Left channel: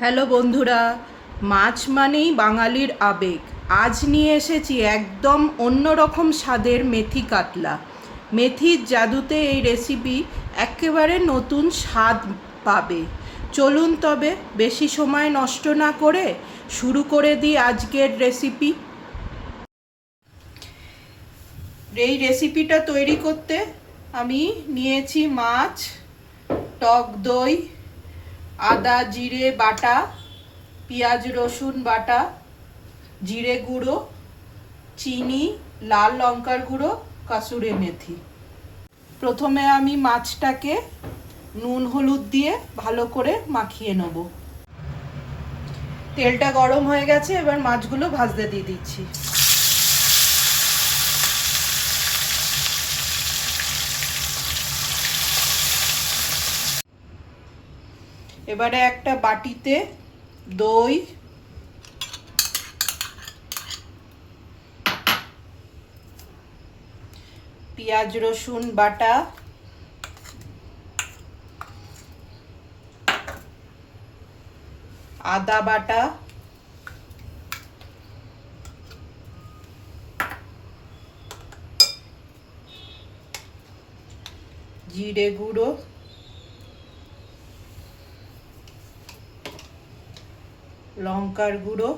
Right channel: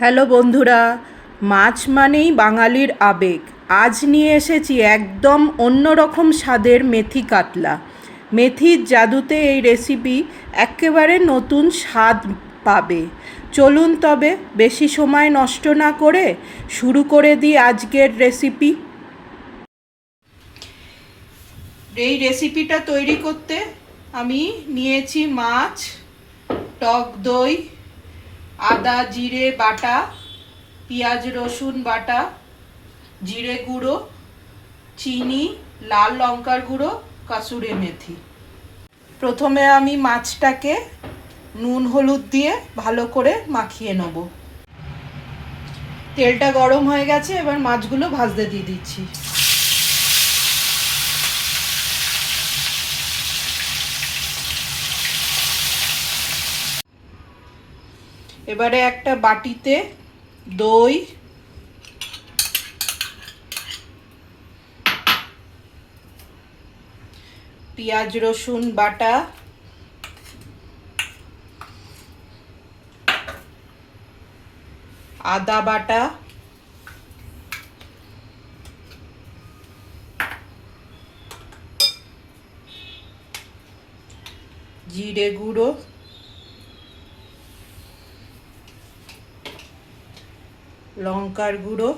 Hello বন্ধুরা, মাছ মানেই বাঙালির আবেগ। আজ নিয়ে এসেছি একদম অন্যরকম স্বাদের মেথি কাতলা। মেথির জাদুতে এই রেসিপি একেবারে নতুন স্বাদ পাবে। চলুন তবে বেশি সময় নষ্ট না করে শুরু করে দিই আজকের রেসিপি এই রেসিপিটা তৈরি করতে আমি নিয়েছি মাছ, টক দই আদা, জিরে বাটা, পেঁয়াজ, রসুন বাটা, জিরে গুঁড়ো, চিনি, লাল লঙ্কার গুঁড়ো, কাসুরে মেথি। প্রথমে আমি মাছটাকে নুন, হলুদ দিয়ে ভালো করে মাখিয়ে নেব। তেলটা গরম হয়ে গেছে, এবার মাছগুলো ভাজতে দিয়ে দিচ্ছি। এবারে একটা বাটিতে দই পেঁয়াজ রসুন বাটা আদা বাটা জিরে গুঁড়ো লঙ্কার গুঁড়ো,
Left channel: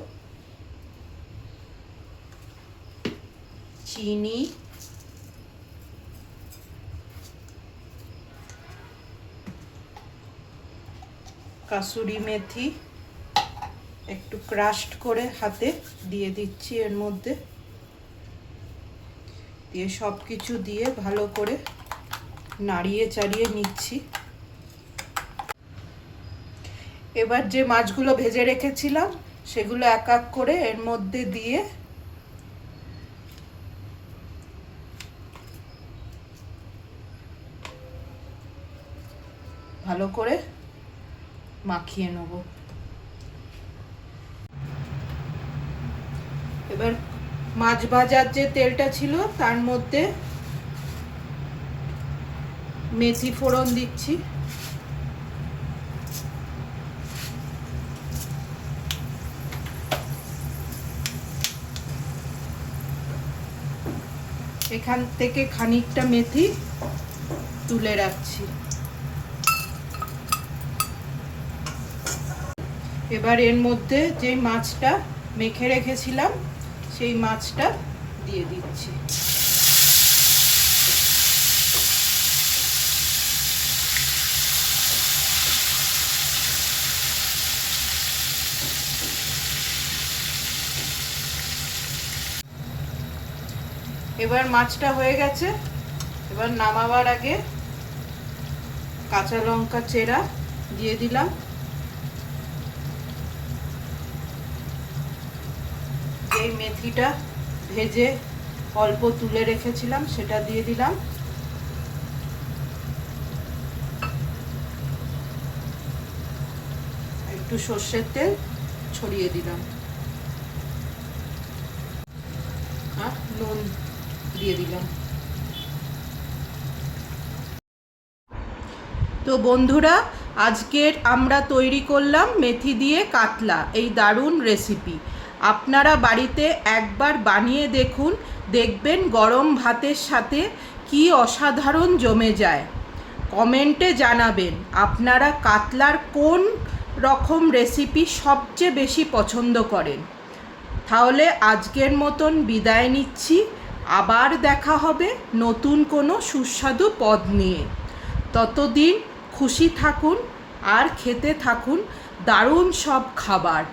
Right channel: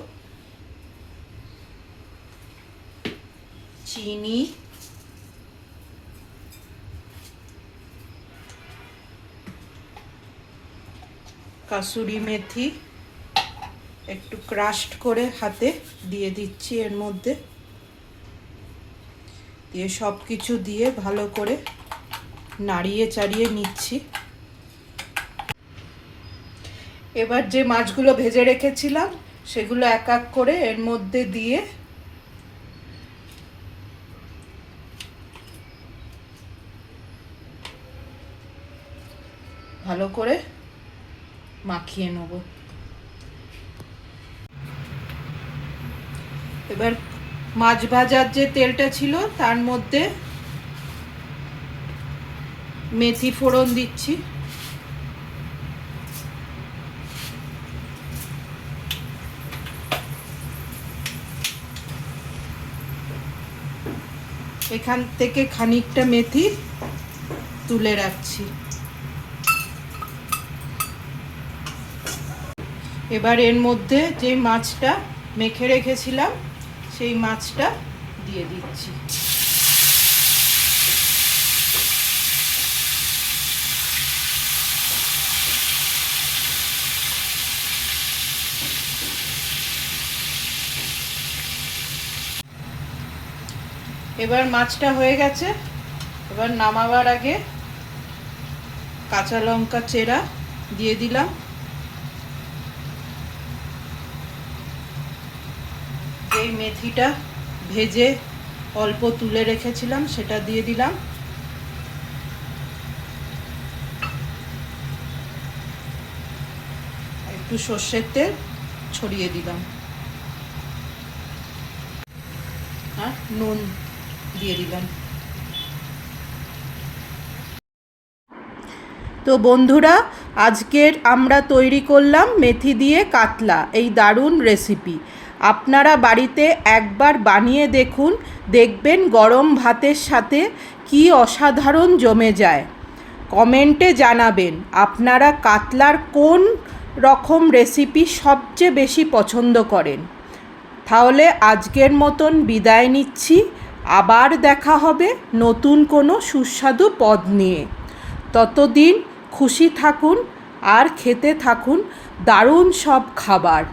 চিনি, কাসুরি মেথি, একটু ক্রাস্ট করে হাতে দিয়ে দিচ্ছি এর মধ্যে। দিয়ে সব কিছু দিয়ে ভালো করে নাড়িয়ে চাড়িয়ে নিচ্ছি। এবার যে মাছগুলো ভেজে রেখেছিলাম, সেগুলো এক এক করে এর মধ্যে দিয়ে ভালো করে মাখিয়ে নেব। এবার মাছ ভাজার যে তেলটা ছিল, তার মধ্যে মেথি ফোড়ন দিচ্ছি। এখান থেকে খানিকটা মেথি তুলে রাখছি। এবার এর মধ্যে যে মাছটা মেখে রেখেছিলাম, সেই মাছটা দিয়ে দিচ্ছি। এবার মাছটা হয়ে গেছে। এবার নামাবার আগে কাঁচা লঙ্কা চেরা দিয়ে দিলাম। এই মেথিটা ভেজে অল্প তুলে রেখেছিলাম, সেটা দিয়ে দিলাম। একটু সর্ষের তেল ছড়িয়ে দিলাম। আর নুন দিয়ে দিলাম। তো বন্ধুরা, আজকের আমরা তৈরি করলাম মেথি দিয়ে কাতলা, এই দারুণ রেসিপি আপনারা বাড়িতে একবার বানিয়ে দেখুন, দেখবেন গরম ভাতের সাথে কি অসাধারণ জমে যায়। কমেন্টে জানাবেন, আপনারা কাতলার কোন রকম রেসিপি সবচেয়ে বেশি পছন্দ করেন। তাহলে আজকের মতন বিদায় নিচ্ছি। আবার দেখা হবে নতুন কোনো সুস্বাদু পদ নিয়ে। ততদিন খুশি থাকুন আর খেতে থাকুন দারুণ সব খাবার।